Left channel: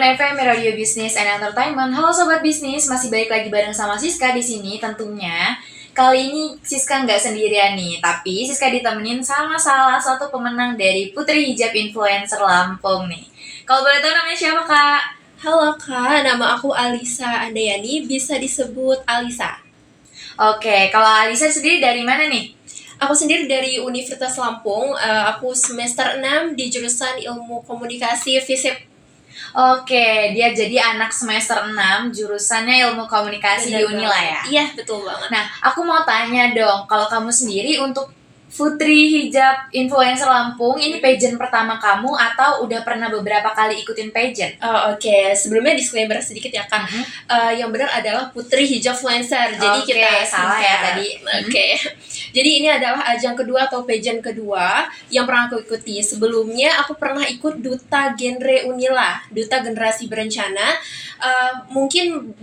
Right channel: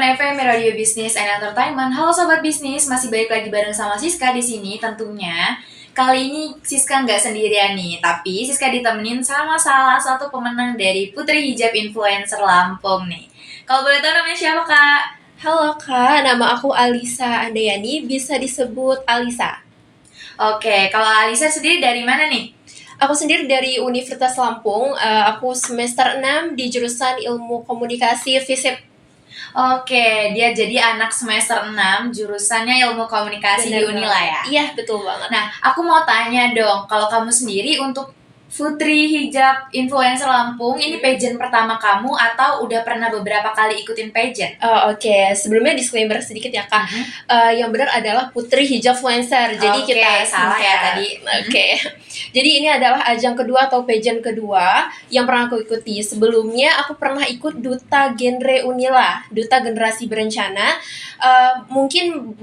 FM Radio Business and Entertainment. Halo sobat bisnis, masih balik lagi bareng sama Siska di sini tentunya. Kali ini Siska nggak sendirian nih, tapi Siska ditemenin sama salah satu pemenang dari Putri Hijab Influencer Lampung nih. Kalau boleh tahu namanya siapa, Kak? Halo Kak, nama aku Alisa Andayani, bisa disebut Alisa. Oke, kalau Alisa sendiri dari mana nih? Aku sendiri dari Universitas Lampung, aku semester 6 di jurusan Ilmu Komunikasi FISIP. Oke, dia jadi anak semester 6, jurusannya Ilmu Komunikasi di Unila ya? Iya, betul banget. Nah, aku mau tanya dong, kalau kamu sendiri untuk Putri Hijab Influencer Lampung, ini pageant pertama kamu atau udah pernah beberapa kali ikutin pageant? Oke. Sebelumnya disclaimer sedikit ya Kak. Yang benar adalah Putri Hijab Influencer. Jadi kita salah ya tadi. Oke. Jadi ini adalah ajang kedua atau pageant kedua yang pernah aku ikuti. Sebelumnya aku pernah ikut Duta Genre Unila, Duta Generasi Berencana. Mungkin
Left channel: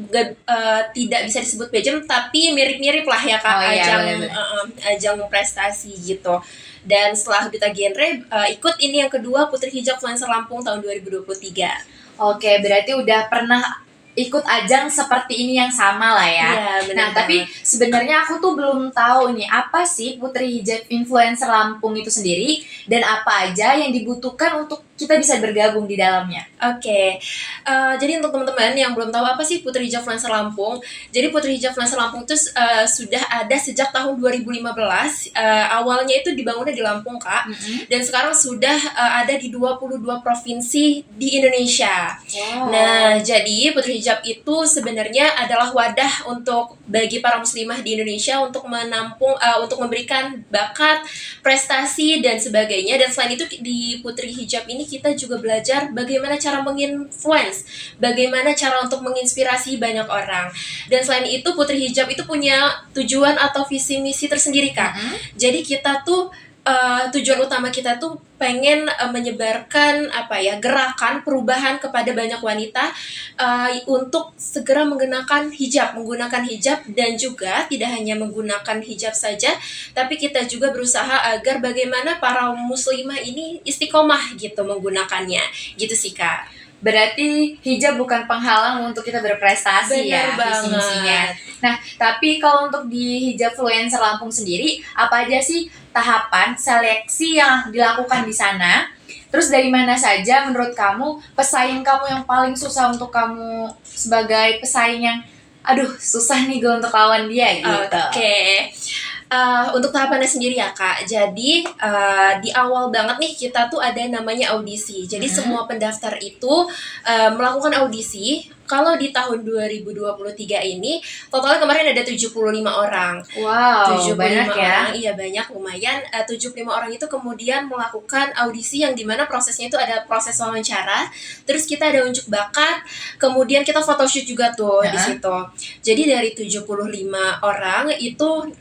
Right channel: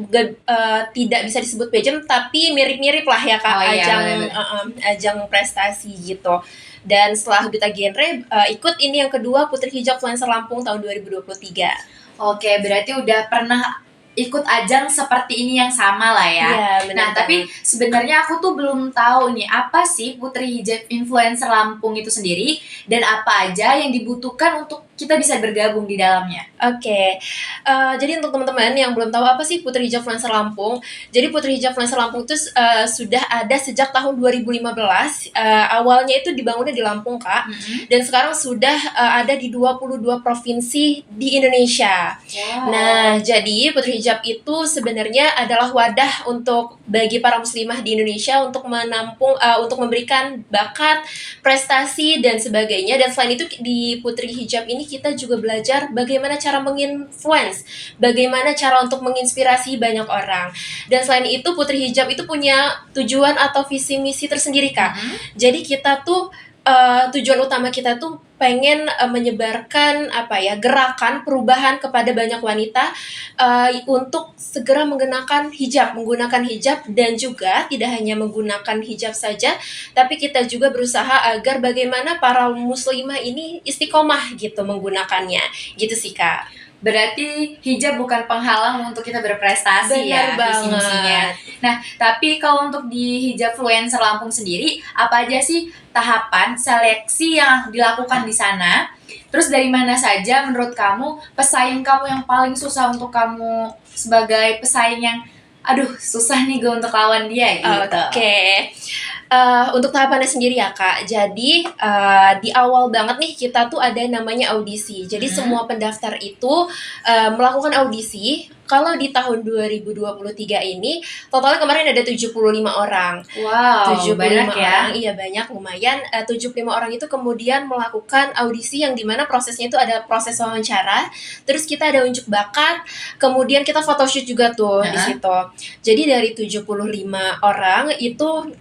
tidak bisa disebut pageant, tapi mirip-mirip lah ya Kak. Ajang prestasi gitu. Dan setelah Duta Genre, ikut ini yang kedua Putri Hijab Influencer Lampung tahun 2023. Oke, berarti udah pernah ikut ajang seperti ini yang sama lah ya. Nah, tapi sebenarnya aku tuh belum tahu nih apa sih Putri Hijab Influencer Lampung itu sendiri dan apa aja yang dibutuhkan untuk kita bisa bergabung di dalamnya. Oke. Jadi untuk teman-teman yang belum tahu apa sih Putri Hijab Influencer Lampung, jadi Putri Hijab Influencer Lampung itu sudah ada sejak tahun 2015. Awalnya itu dibangunnya di Lampung, Kak. Dan sekarang sudah ada di 22 provinsi di Indonesia. Wow. Nah, jadi Putri Hijab itu sebenarnya adalah wadah untuk bagi para muslimah di Indonesia untuk menampung, untuk memberikan bakat, prestasi dan sebagainya. Dan selain itu di Putri Hijab ini kita juga belajar bagaimana cara menginfluence, bagaimana cara untuk menginspirasi banyak orang. Dan selain itu Putri Hijab itu punya tujuan atau visi misi tersendiri Kak. Jadi kita tuh tujuan utama kita tuh pengen menyebarkan gerakan perubahan kepada banyak wanita untuk segera menggunakan hijab dan juga tidak hanya menggunakan hijab saja, tapi kita juga berusaha agar bagaimana para muslimah ini istiqomah gitu menggunakannya, gitu sih Kak. Berarti hijab bukan penghalang untuk kita berprestasi. Benar banget. Visi-misinya. Nah, tapi kalau untuk di Hijab Influencer Lampung sendiri, apa aja sih tahapan seleksi yang dilakukan di sana? Terus dari mana saja menurut kamu pesaing kamu yang paling susah untuk kamu sebagai pesaing yang susah nih gue untuk lawan dia gitu? Oke. Untuk tahapannya sendiri ya Kak, jadi di awal banget nih kita tuh ada namanya audisi. Jadi semua pendaftar itu melakukan audisi. Kalau di tahun 2023 ini totalnya kemarin ada 75 orang. Wow, 75 banyak ya? Orang, iya banyak, lumayan. 75 orang itu kemudian melakukan audisi yang dimana prosesnya itu ada proses wawancara, terus kita ada unjuk bakat, kemudian kita photoshoot juga tuh di situ. Jadi dari 75 orang itu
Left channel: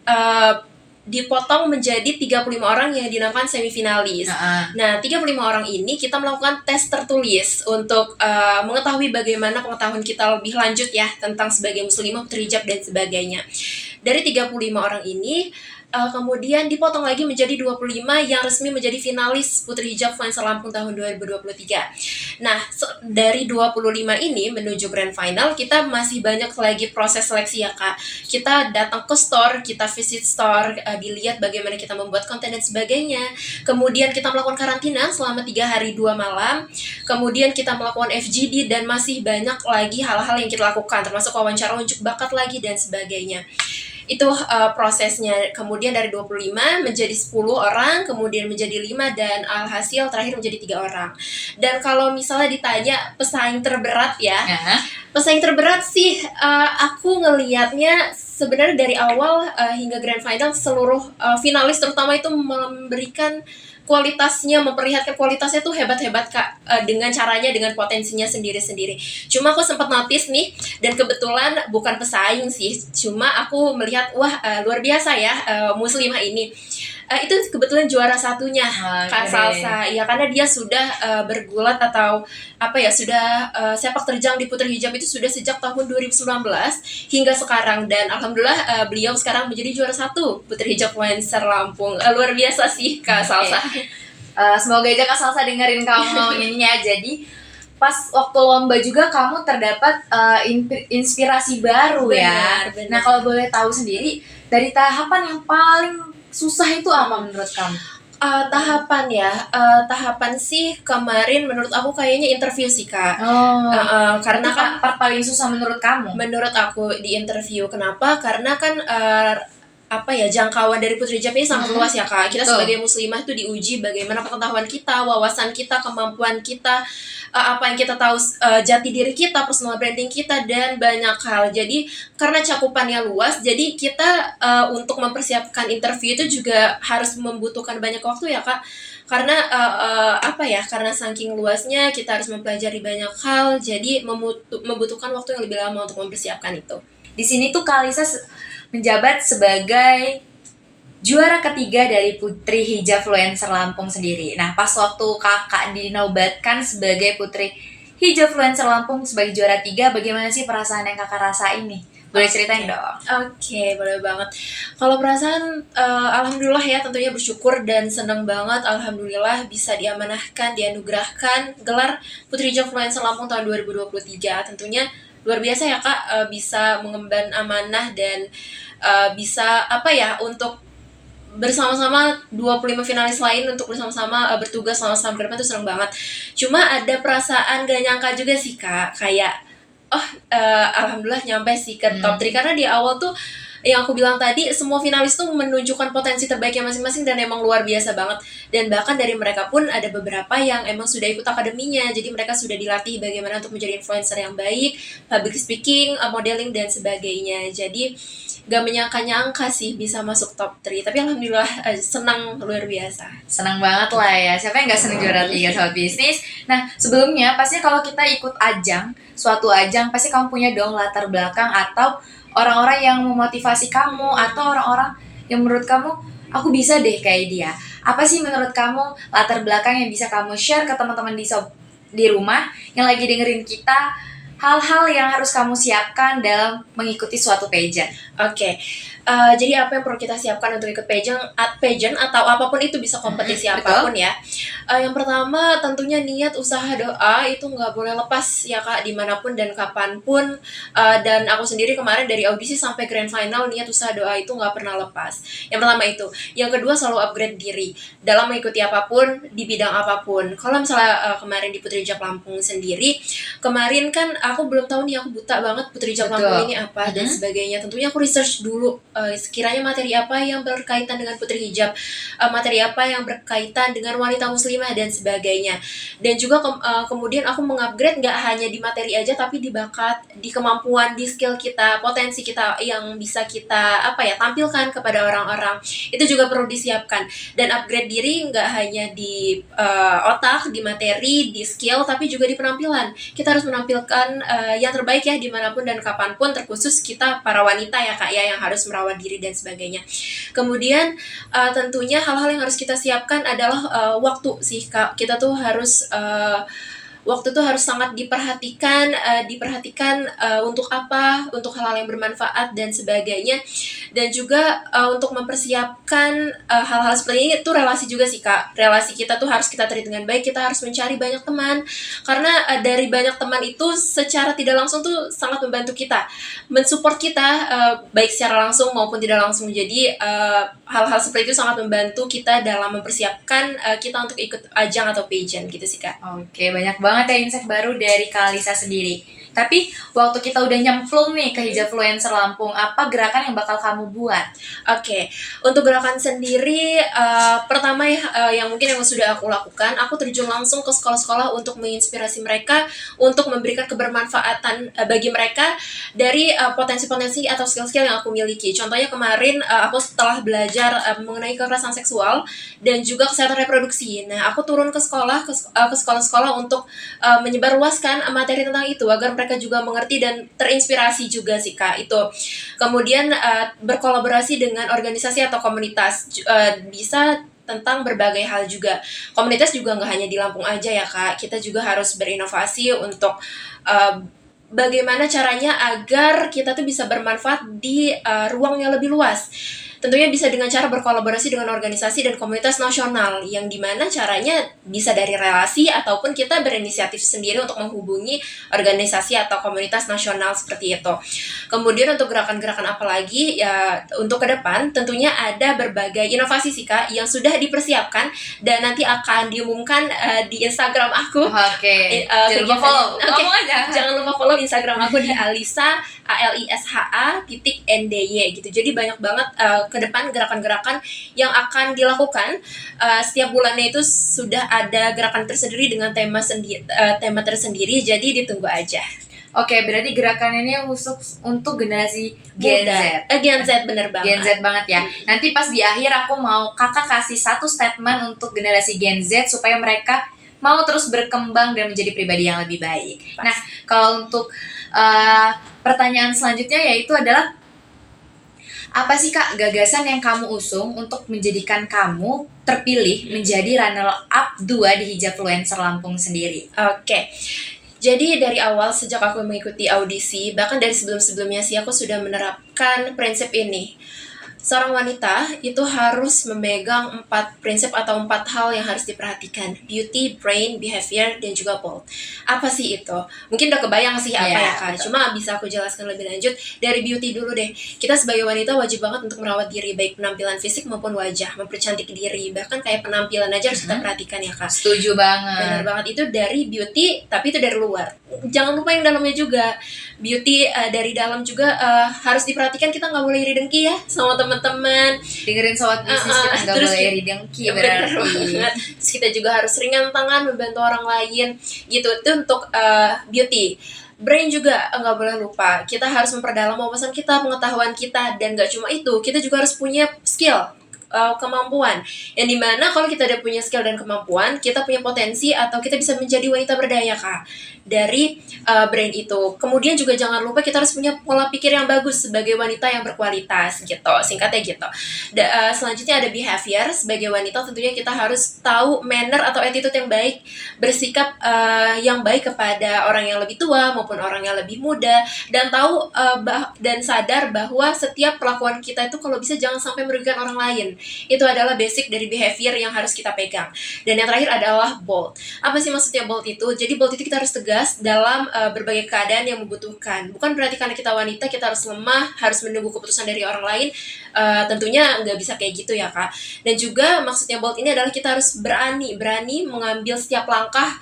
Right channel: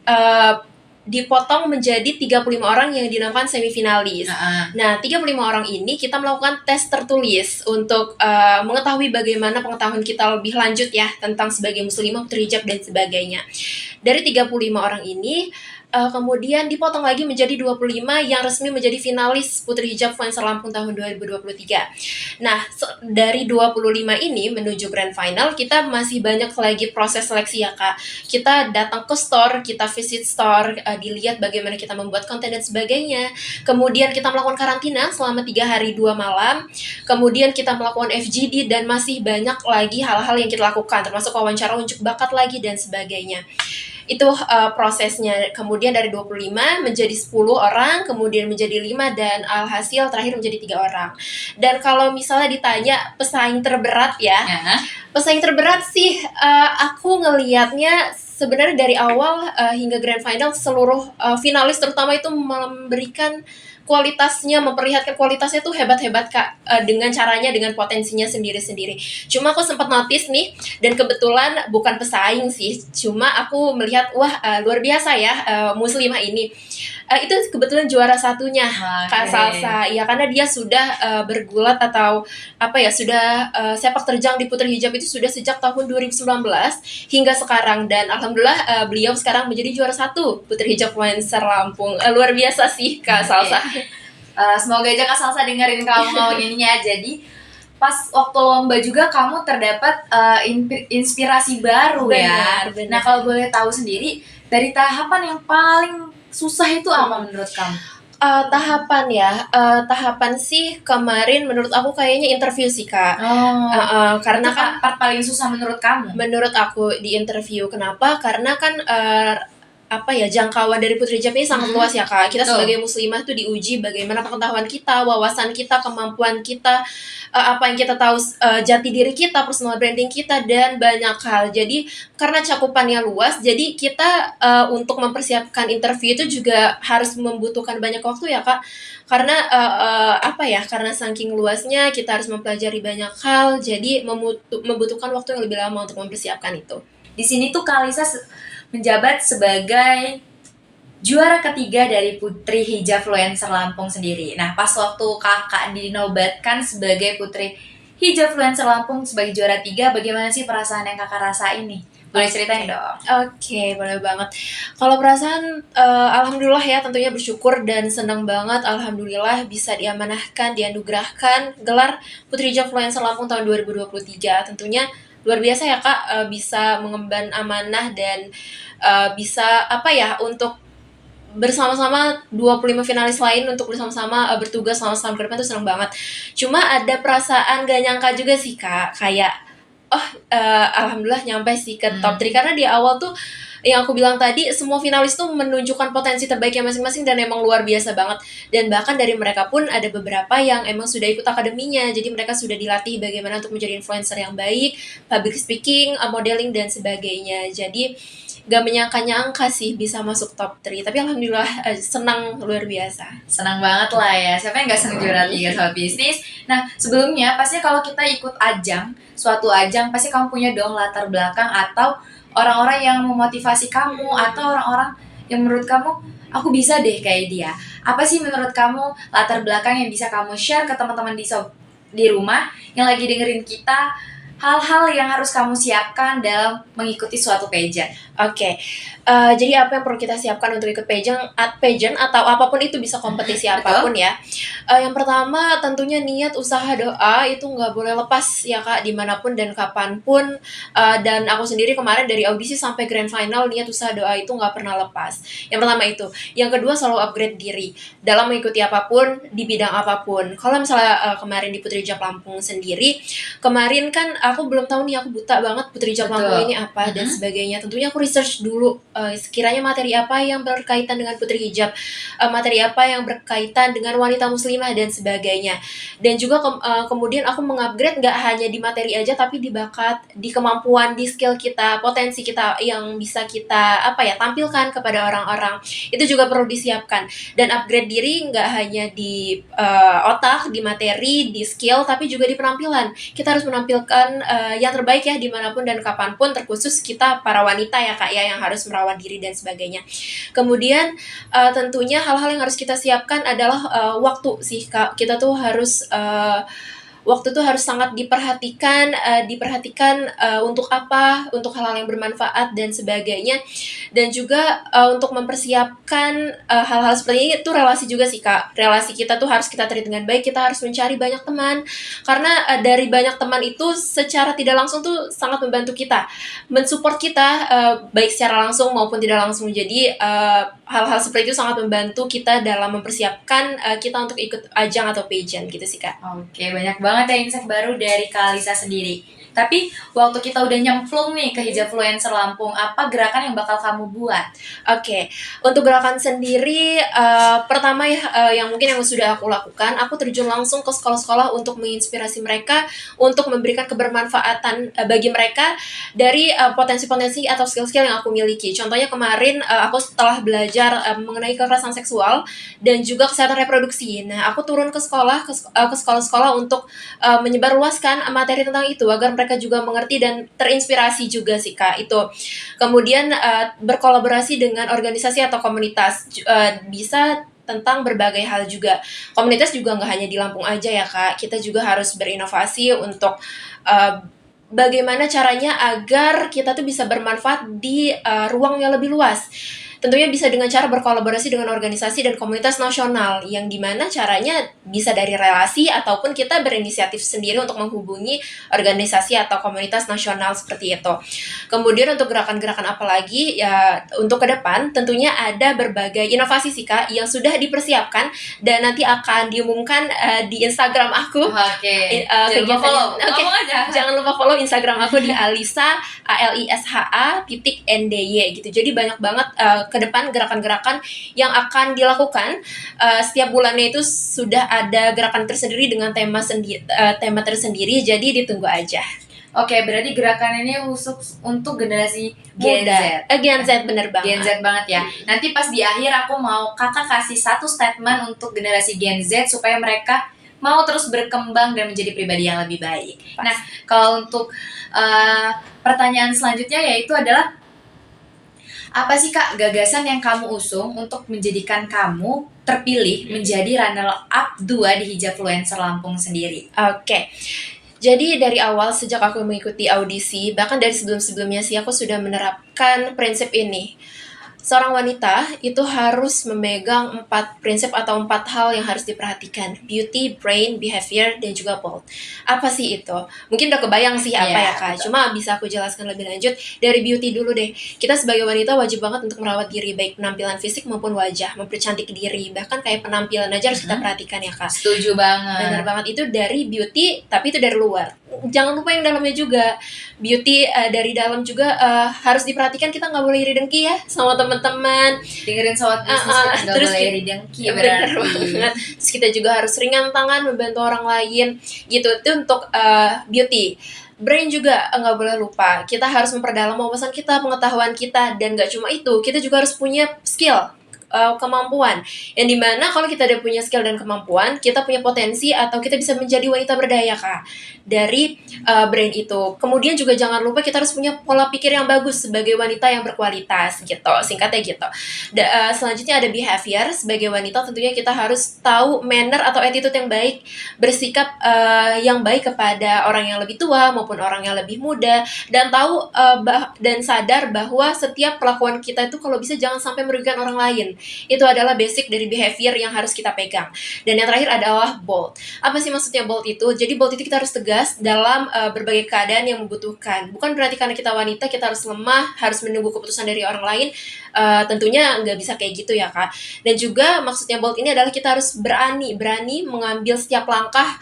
dipotong menjadi 35 orang yang dinamakan semifinalis. Nah, 35 orang ini kita melakukan tes tertulis untuk mengetahui bagaimana pengetahuan kita lebih lanjut ya tentang sebagai muslimah, putri hijab dan sebagainya. Dari 35 orang ini kemudian dipotong lagi menjadi 25 yang resmi menjadi finalis Putri Hijab Influencer Lampung tahun 2023. Nah, dari 25 ini menuju grand final kita masih banyak lagi proses seleksi ya Kak. Kita datang ke store, kita visit store, dilihat bagaimana kita membuat konten dan sebagainya. Kemudian kita melakukan karantina selama 3 hari 2 malam. Kemudian kita melakukan FGD dan masih banyak lagi hal-hal yang kita lakukan, termasuk wawancara unjuk bakat lagi dan sebagainya. Itu prosesnya. Kemudian dari 25 menjadi 10 orang, kemudian menjadi 5 dan alhasil terakhir menjadi 3 orang. Dan kalau misalnya ditanya pesaing terberat ya. Pesaing terberat sih aku ngelihatnya sebenarnya dari awal hingga grand final seluruh finalis terutama itu memberikan kualitasnya, memperlihatkan kualitasnya tuh hebat-hebat Kak, dengan caranya, dengan potensinya sendiri-sendiri. Cuma aku sempat notice nih, dan kebetulan bukan pesaing sih, cuma aku melihat luar biasa ya muslimah ini. Itu kebetulan juara satunya Kak Salsa ya, karena dia sudah bergulat atau sudah sepak terjang di Putri Hijab itu sudah sejak tahun 2019 hingga sekarang, dan alhamdulillah beliau sekarang menjadi juara 1 Putri Hijab Influencer Lampung. Luar biasa sih Kak Salsa. Semoga aja Kak Salsa dengerin kamu ngomong ininya. Jadi pas waktu lomba juga kamu terdapat inspirasi baru ya. Benar. Nah, kalau boleh tahu sendiri, dari tahapan yang paling susah itu apa menurut kamu? Tahapan sih kemarin menurut aku kayaknya interview sih Kak. Karena Itu kan part paling susah menurut kamu? menurut aku di interview, kenapa? Karena kan jangkauan dari Putri Hijab ini sangat luas ya Kak. Kita Betul. sebagai muslimah itu diuji bagaimana pengetahuan kita, wawasan kita, kemampuan kita, apa yang kita tahu, jati diri kita, personal branding kita, dan banyak hal. Jadi karena cakupannya luas, jadi kita untuk mempersiapkan interview itu juga harus membutuhkan banyak waktu ya Kak. Karena karena saking luasnya kita harus mempelajari banyak hal, jadi membutuhkan waktu yang lebih lama untuk mempersiapkan itu. Di sini tuh Kalisa menjabat sebagai juara ketiga dari Putri Hijab Fluencer Lampung sendiri. Nah, pas waktu kakak dinobatkan sebagai Putri Hijab Fluencer Lampung sebagai juara 3, bagaimana sih perasaan yang kakak rasain nih? Boleh ceritain dong? Oke, boleh banget. Kalau perasaan, alhamdulillah ya, tentunya bersyukur dan senang banget, alhamdulillah bisa diamanahkan, dianugerahkan gelar Putri Hijab Fluencer Lampung tahun 2023. Tentunya luar biasa ya Kak, bisa mengemban amanah dan bisa untuk bersama-sama 25 finalis lain untuk bersama-sama bertugas sama-sama ke depan tuh seneng banget. Cuma ada perasaan gak nyangka juga sih Kak, kayak alhamdulillah nyampe sih ke top 3 karena di awal tuh yang aku bilang tadi, semua finalis tuh menunjukkan potensi terbaiknya masing-masing dan emang luar biasa banget. Dan bahkan dari mereka pun ada beberapa yang emang sudah ikut akademinya, jadi mereka sudah dilatih bagaimana untuk menjadi influencer yang baik, public speaking, modeling, dan sebagainya. Jadi gak menyangka-nyangka sih bisa masuk top 3, tapi alhamdulillah senang luar biasa. Senang banget lah ya, siapa yang gak senang juara 3 sobat bisnis. Nah, sebelumnya pastinya kalau kita ikut suatu ajang, pasti kamu punya dong latar belakang atau orang-orang yang memotivasi kamu, atau orang-orang yang menurut kamu, aku bisa deh kayak dia. Apa sih menurut kamu latar belakang yang bisa kamu share ke teman-teman di rumah yang lagi dengerin kita, hal-hal yang harus kamu siapkan dalam mengikuti suatu pageant? Oke, jadi apa yang perlu kita siapkan untuk ikut pageant atau apapun itu, bisa kompetisi apapun ya. Yang pertama tentunya niat, usaha, doa itu nggak boleh lepas ya Kak, dimanapun dan kapanpun. Dan aku sendiri kemarin dari audisi sampai grand final, niat, usaha, doa itu nggak pernah lepas. Yang pertama itu. Yang kedua, selalu upgrade diri dalam mengikuti apapun, di bidang apapun. Kalau misalnya kemarin di Putri Hijab Lampung sendiri, kemarin kan aku belum tahu nih, aku buta banget Putri Hijab Lampung ini apa dan sebagainya. Tentunya aku research dulu sekiranya materi apa yang berkaitan dengan Putri Hijab, materi apa yang berkaitan dengan wanita muslimah dan sebagainya. Dan juga kemudian aku mengupgrade nggak hanya di materi aja, tapi di bakat, di kemampuan, di skill kita, potensi kita yang bisa kita tampilkan kepada orang-orang. Itu juga perlu disiapkan. Dan upgrade diri nggak hanya di otak, di materi, di skill, tapi juga di penampilan. Kita harus menampilkan yang terbaik ya dimanapun dan kapanpun, terkhusus kita para wanita ya Kak ya, yang harus merawat diri dan sebagainya. Kemudian tentunya hal-hal yang harus kita siapkan adalah waktu sih Kak. Kita tuh harus waktu tuh harus sangat diperhatikan untuk apa, untuk hal-hal yang bermanfaat dan sebagainya. Dan juga untuk mempersiapkan hal-hal seperti ini tuh relasi juga sih Kak. Relasi kita tuh harus kita treat dengan baik, kita harus mencari banyak teman. Karena dari banyak teman itu secara tidak langsung tuh sangat membantu kita, mensupport kita baik secara langsung maupun tidak langsung. Jadi hal-hal seperti itu sangat membantu kita dalam mempersiapkan kita untuk ikut ajang atau pageant gitu sih Kak. Oke, banyak banget ya insight baru dari Kalisa sendiri. Tapi waktu kita udah nyemplung nih ke Hijab Fluencer Lampung, apa gerakan yang bakal kamu buat? Oke, untuk gerakan sendiri, pertama yang mungkin yang sudah aku lakukan, aku terjun langsung ke sekolah-sekolah untuk menginspirasi mereka, untuk memberikan kebermanfaatan bagi mereka dari potensi-potensi atau skill-skill yang aku miliki. Contohnya kemarin aku setelah belajar mengenai kekerasan seksual dan juga kesehatan reproduksi. Nah, aku turun ke sekolah-sekolah untuk menyebarluaskan materi tentang itu agar mereka juga mengerti dan terinspirasi juga sih Kak. Itu. Kemudian berkolaborasi dengan organisasi atau komunitas, bisa tentang berbagai hal juga. Komunitas juga nggak hanya di Lampung aja ya Kak, kita juga harus berinovasi untuk bagaimana caranya agar kita tuh bisa bermanfaat di ruang yang lebih luas. tentunya bisa dengan cara berkolaborasi dengan organisasi dan komunitas nasional, yang dimana caranya bisa dari relasi ataupun kita berinisiatif sendiri untuk menghubungi organisasi atau komunitas nasional seperti itu. Kemudian untuk gerakan-gerakan apa lagi ya untuk ke depan, tentunya ada berbagai inovasi sih Kak yang sudah dipersiapkan dan nanti akan diumumkan di Instagram aku. Oke. Jangan lupa follow. Oke. Ngomong aja. Jangan lupa follow Instagram aku di Alisa ALISHA.NDY gitu. Jadi banyak banget ke depan gerakan-gerakan yang akan dilakukan. Setiap bulannya itu sudah ada gerakan tersendiri dengan tema tersendiri. Jadi ditunggu aja. Oke, berarti gerakan ini khusus untuk generasi Gen Z. Gen Z bener banget. Gen Z banget ya. Nanti pas di akhir aku mau kakak kasih satu statement untuk generasi Gen Z supaya mereka mau terus berkembang dan menjadi pribadi yang lebih baik. Nah, kalau untuk pertanyaan selanjutnya yaitu adalah apa sih Kak gagasan yang kamu usung untuk menjadikan kamu terpilih menjadi runner up 2 di Hijabfluencer Lampung sendiri? Oke. Jadi dari awal sejak aku mengikuti audisi, bahkan dari sebelum-sebelumnya sih aku sudah menerapkan prinsip ini. Seorang wanita itu harus memegang 4 prinsip atau 4 hal yang harus diperhatikan. Beauty, brain, behavior, dan juga bold. Apa sih itu? Mungkin udah kebayang sih apa ya Kak. Betul. Cuma bisa aku jelaskan lebih lanjut. Dari beauty dulu deh. Kita sebagai wanita wajib banget untuk merawat diri, baik penampilan fisik maupun wajah. Mempercantik diri. Bahkan kayak penampilan aja harus kita perhatikan ya Kak. Setuju banget. Benar banget, itu dari beauty, tapi itu dari luar. Jangan lupa yang dalamnya juga. Beauty dari dalam juga harus diperhatikan. Kita nggak boleh iri dengki ya sama teman-teman. Dengerin sobat bisnis kita nggak terus boleh iri dengki Bener berarti. banget. Terus kita juga harus ringan tangan membantu orang lain gitu. Itu untuk beauty. Brain juga nggak boleh lupa. Kita harus memperdalam wawasan kita, pengetahuan kita, dan nggak cuma itu, kita juga harus punya skill, kemampuan. Yang dimana kalau kita udah punya skill dan kemampuan, kita punya potensi atau kita bisa menjadi wanita berdaya Kak dari brain itu. Kemudian juga jangan lupa kita harus punya pola pikir yang bagus sebagai wanita yang berkualitas gitu, singkatnya gitu. Selanjutnya ada behavior. Sebagai wanita tentunya kita harus tahu manner atau attitude yang baik, bersikap yang baik kepada orang yang lebih tua maupun orang yang lebih muda, dan tahu dan sadar bahwa setiap perlakuan kita itu kalau bisa jangan sampai merugikan orang lain. Itu adalah basic dari behavior yang harus kita pegang. Dan yang terakhir adalah bold. Apa sih maksudnya bold itu? Jadi bold itu kita harus tegas dalam berbagai keadaan yang membutuhkan. Bukan berarti karena kita wanita kita harus lemah, harus menunggu keputusan dari orang lain. Tentunya nggak bisa kayak gitu ya Kak. Dan juga maksudnya bold ini adalah kita harus berani mengambil setiap langkah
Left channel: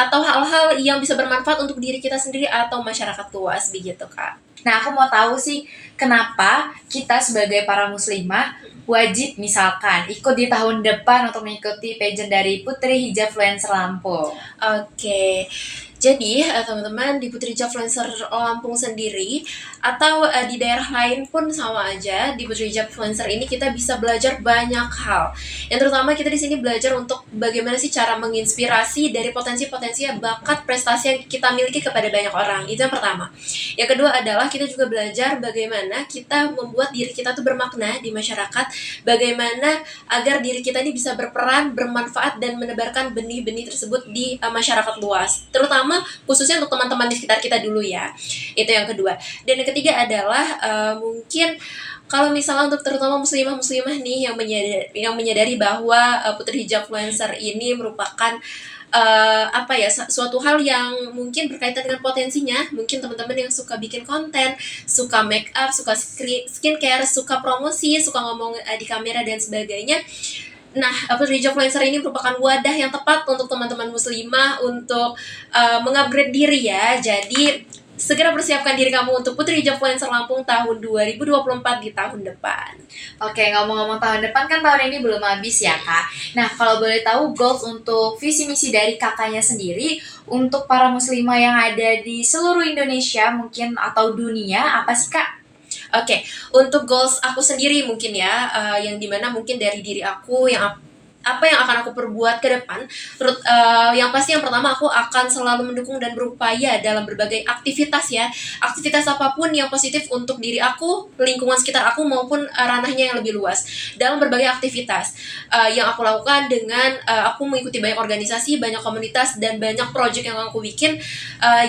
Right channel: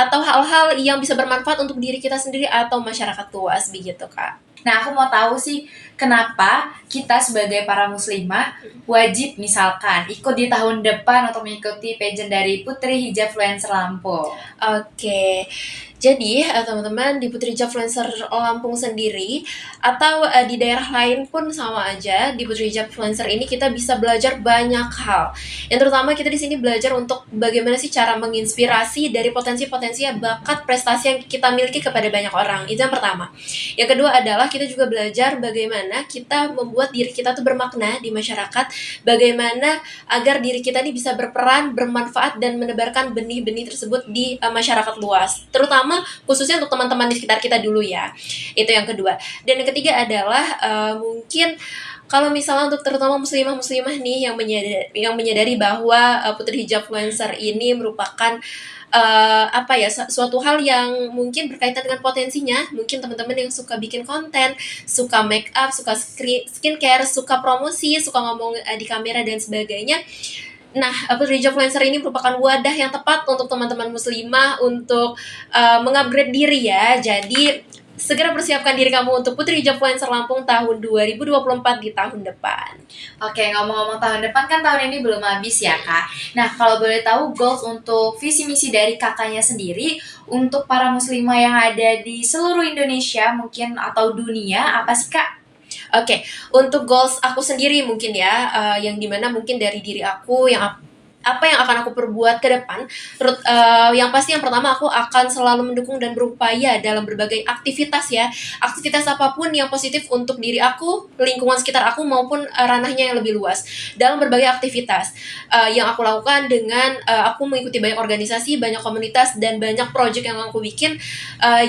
atau hal-hal yang bisa bermanfaat untuk diri kita sendiri atau masyarakat luas begitu Kak. Nah, aku mau tahu sih kenapa kita sebagai para muslimah wajib misalkan ikut di tahun depan untuk mengikuti pageant dari Putri Hijabfluencer Lampung. Oke. Jadi teman-teman di Putri Hijabfluencer Lampung sendiri atau di daerah lain pun sama aja, di Putri Hijabfluencer ini kita bisa belajar banyak hal. Yang terutama kita di sini belajar untuk bagaimana sih cara menginspirasi dari potensi-potensi bakat prestasi yang kita miliki kepada banyak orang. Itu yang pertama. Yang kedua adalah kita juga belajar bagaimana kita membuat diri kita tuh bermakna di masyarakat, bagaimana agar diri kita ini bisa berperan, bermanfaat, dan menebarkan benih-benih tersebut di masyarakat luas. Terutama khususnya untuk teman-teman di sekitar kita dulu ya. Itu yang kedua. Dan yang ketiga adalah mungkin kalau misalnya untuk terutama muslimah-muslimah nih yang menyadari bahwa Putri Hijabfluencer ini merupakan suatu hal yang mungkin berkaitan dengan potensinya. Mungkin teman-teman yang suka bikin konten, suka make up, suka skincare, suka promosi, suka ngomong di kamera dan sebagainya. Nah, Putri Hijabfluencer ini merupakan wadah yang tepat untuk teman-teman muslimah untuk mengupgrade diri ya. Jadi segera persiapkan diri kamu untuk Putri Hijabfluencer Lampung tahun 2024 di tahun depan. Oke, ngomong-ngomong tahun depan kan tahun ini belum habis ya Kak. Nah, kalau boleh tahu goals untuk visi misi dari kakaknya sendiri untuk para muslimah yang ada di seluruh Indonesia mungkin atau dunia, apa sih Kak? Oke, untuk goals aku sendiri mungkin ya, yang dimana mungkin dari diri aku yang apa yang akan aku perbuat ke depan, yang pasti yang pertama aku akan selalu mendukung dan berupaya dalam berbagai aktivitas ya, aktivitas apapun yang positif untuk diri aku, lingkungan sekitar aku maupun ranahnya yang lebih luas. Dalam berbagai aktivitas yang aku lakukan dengan aku mengikuti banyak organisasi, banyak komunitas dan banyak project yang aku bikin,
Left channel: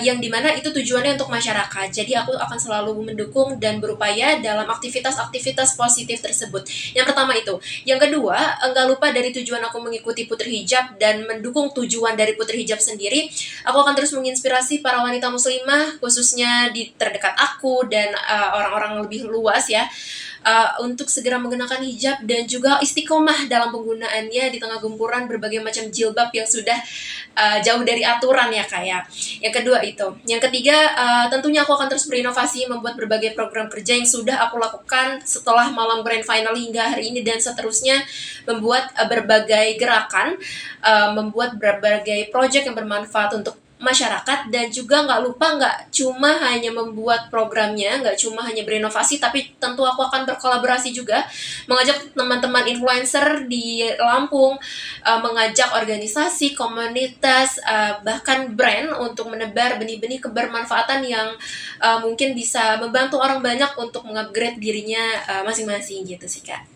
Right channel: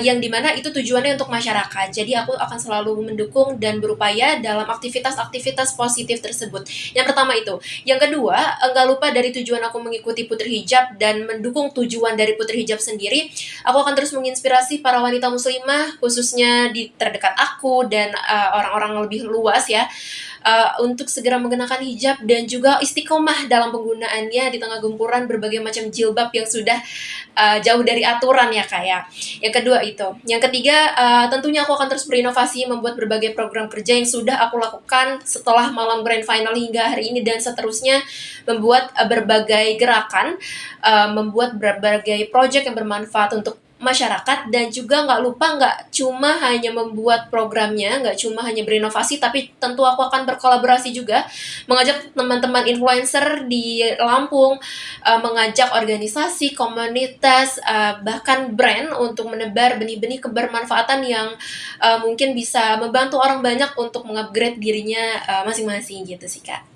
yang dimana itu tujuannya untuk masyarakat. Jadi aku akan selalu mendukung dan berupaya dalam aktivitas-aktivitas positif tersebut. Yang pertama itu. Yang kedua, nggak lupa dari tujuan aku mengikuti Putri Hijab dan mendukung tujuan dari Putri Hijab sendiri, aku akan terus menginspirasi para wanita muslimah, khususnya di terdekat aku dan orang-orang lebih luas ya, untuk segera mengenakan hijab dan juga istiqomah dalam penggunaannya di tengah gempuran berbagai macam jilbab yang sudah jauh dari aturan ya Kak ya. Yang kedua itu. Yang ketiga, tentunya aku akan terus berinovasi membuat berbagai program kerja yang sudah aku lakukan setelah malam grand final hingga hari ini dan seterusnya, membuat berbagai gerakan, membuat berbagai project yang bermanfaat untuk masyarakat dan juga nggak cuma hanya membuat programnya, nggak cuma hanya berinovasi, tapi tentu aku akan berkolaborasi juga, mengajak teman-teman influencer di Lampung, mengajak organisasi, komunitas, bahkan brand untuk menebar benih-benih kebermanfaatan yang mungkin bisa membantu orang banyak untuk mengupgrade dirinya masing-masing gitu sih Kak.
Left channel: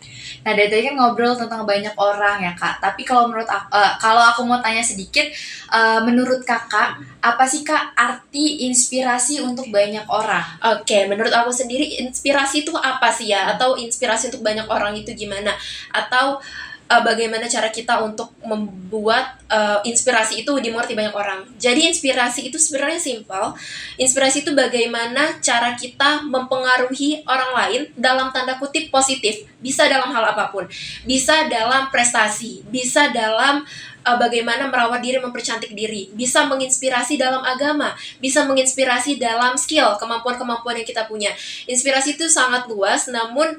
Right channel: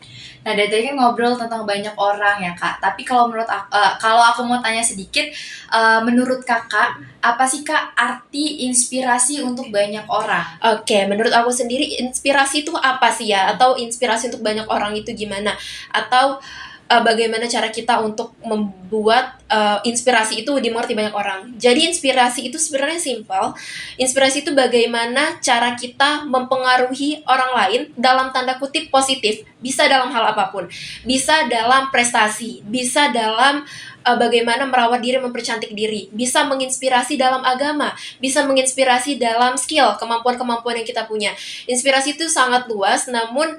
Nah, dari tadi kan ngobrol tentang banyak orang ya Kak. Tapi kalau menurut aku, kalau aku mau tanya sedikit, menurut Kakak apa sih Kak arti inspirasi untuk banyak orang? Oke, menurut aku sendiri inspirasi itu apa sih ya? Atau inspirasi untuk banyak orang itu gimana? Atau bagaimana cara kita untuk membuat inspirasi itu dimengerti banyak orang. Jadi inspirasi itu sebenarnya simpel. Inspirasi itu bagaimana cara kita mempengaruhi orang lain dalam tanda kutip positif. Bisa dalam hal apapun. Bisa dalam prestasi, bisa dalam bagaimana merawat diri, mempercantik diri, bisa menginspirasi dalam agama, bisa menginspirasi dalam skill, kemampuan-kemampuan yang kita punya. Inspirasi itu sangat luas, namun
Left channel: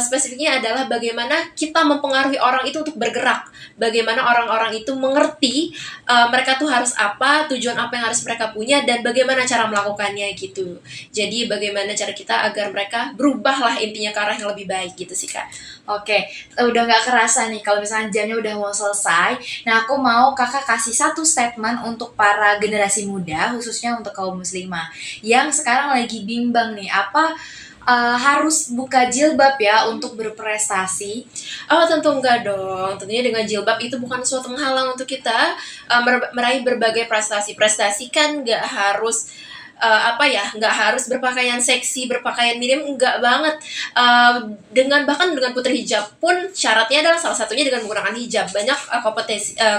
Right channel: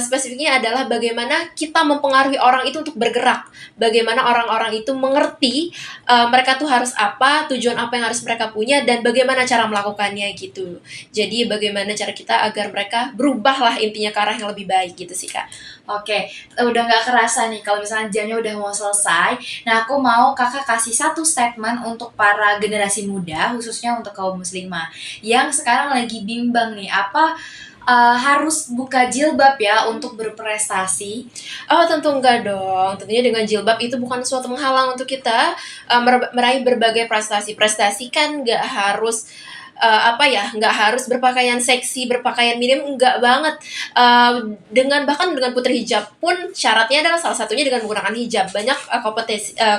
spesifiknya adalah bagaimana kita mempengaruhi orang itu untuk bergerak, bagaimana orang-orang itu mengerti mereka tuh harus apa, tujuan apa yang harus mereka punya, dan bagaimana cara melakukannya gitu. Jadi bagaimana cara kita agar mereka berubah lah intinya ke arah yang lebih baik gitu sih Kak. Oke, udah nggak kerasa nih kalau misalnya jamnya udah mau selesai. Nah, aku mau Kakak kasih satu statement untuk para generasi muda, khususnya untuk kaum muslimah yang sekarang lagi bimbang nih, apa harus buka jilbab ya untuk berprestasi? Oh tentu enggak dong, tentunya dengan jilbab itu bukan suatu penghalang untuk kita meraih berbagai prestasi. Prestasi kan nggak harus nggak harus berpakaian seksi, berpakaian minim, enggak banget. Bahkan dengan putri hijab pun syaratnya adalah salah satunya dengan menggunakan hijab. Banyak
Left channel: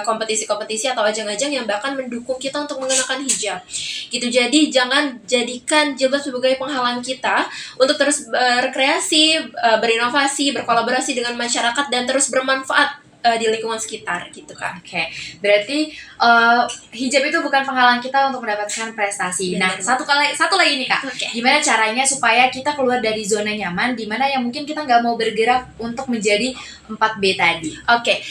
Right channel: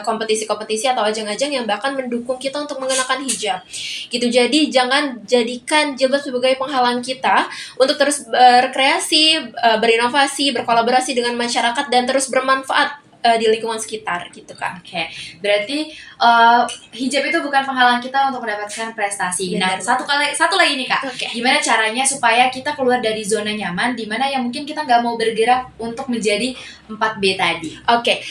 kompetisi-kompetisi atau ajang-ajang yang bahkan mendukung kita untuk mengenakan hijab. Gitu. Jadi jangan jadikan jilbab sebagai penghalang kita untuk terus berkreasi, berinovasi, berkolaborasi dengan masyarakat dan terus bermanfaat di lingkungan sekitar gitu kan. Oke, berarti hijab itu bukan penghalang kita untuk mendapatkan prestasi. Nah, Benar. satu lagi nih Kak, Oke. gimana caranya supaya kita keluar dari zona nyaman, dimana yang mungkin kita nggak mau bergerak untuk menjadi 4B tadi? Oke,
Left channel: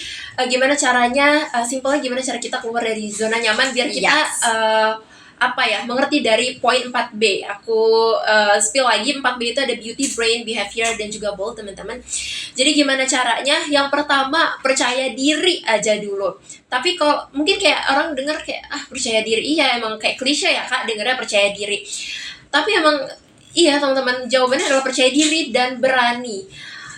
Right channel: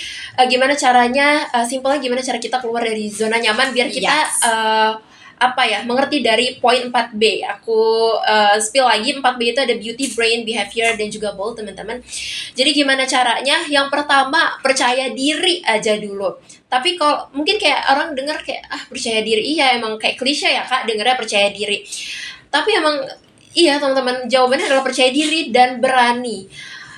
gimana caranya? Simpelnya gimana cara kita keluar dari zona nyaman biar kita mengerti dari poin 4B. Aku spill lagi, 4B itu ada beauty, brain, behavior, dan juga bold teman-teman. Jadi gimana caranya? Yang pertama, percaya diri aja dulu. Tapi kalau mungkin kayak orang dengar kayak percaya diri, iya emang kayak klise ya Kak dengarnya percaya diri. Tapi emang iya teman-teman, jawabannya adalah percaya diri dan berani.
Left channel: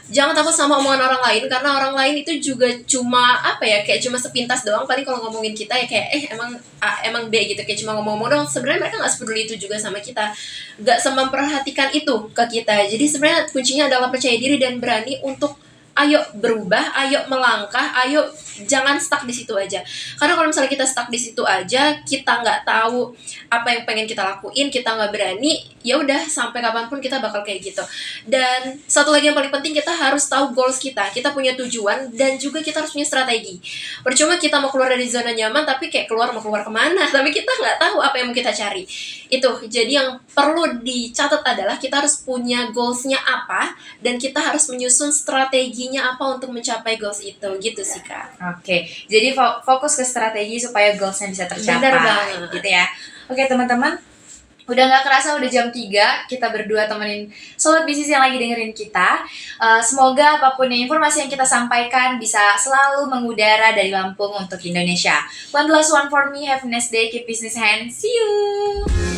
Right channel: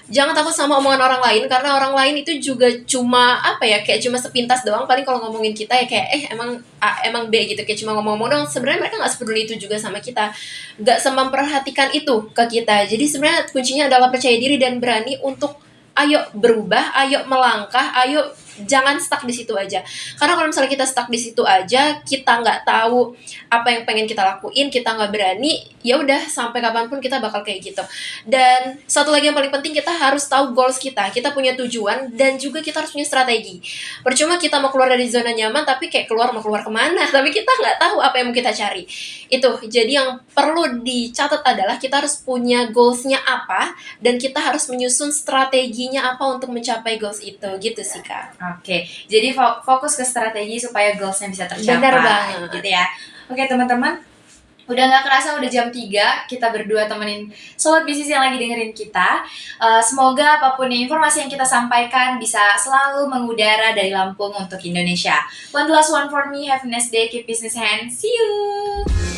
Jangan takut sama omongan orang lain, karena orang lain itu juga cuma kayak cuma sepintas doang. Paling kalau ngomongin kita ya kayak emang A, emang B gitu, kayak cuma ngomong-ngomong doang. Sebenarnya mereka nggak sepeduli itu juga sama kita, nggak memperhatikan itu ke kita. Jadi sebenarnya kuncinya adalah percaya diri dan berani untuk ayo berubah, ayo melangkah, ayo jangan stuck di situ aja. Karena kalau misalnya kita stuck di situ aja, kita nggak tahu apa yang pengen kita lakuin, kita nggak berani, ya udah sampai kapanpun kita bakal kayak gitu. Dan satu lagi yang paling penting, kita harus tahu goals kita punya tujuan, dan juga kita harus punya strategi. Percuma kita mau keluar dari zona nyaman, tapi kayak mau keluar kemana, tapi kita nggak tahu apa yang mau kita cari. Itu, jadi yang perlu dicatat adalah kita harus punya goalsnya apa, dan kita harus menyusun strateginya apa untuk mencapai goals itu, gitu sih Kak. Oke, jadi fokus ke strategi supaya goalsnya bisa tercapai. Benar banget. Gitu ya. Oke teman-teman, Udah gak kerasa udah jam 3, kita berdua temenin sobat bisnis yang lagi dengerin kita. Semoga apapun informasi yang kita sampaikan bisa selalu mengudara dari Lampung untuk Indonesia. One last one for me, have a nice day, keep business hand, see you!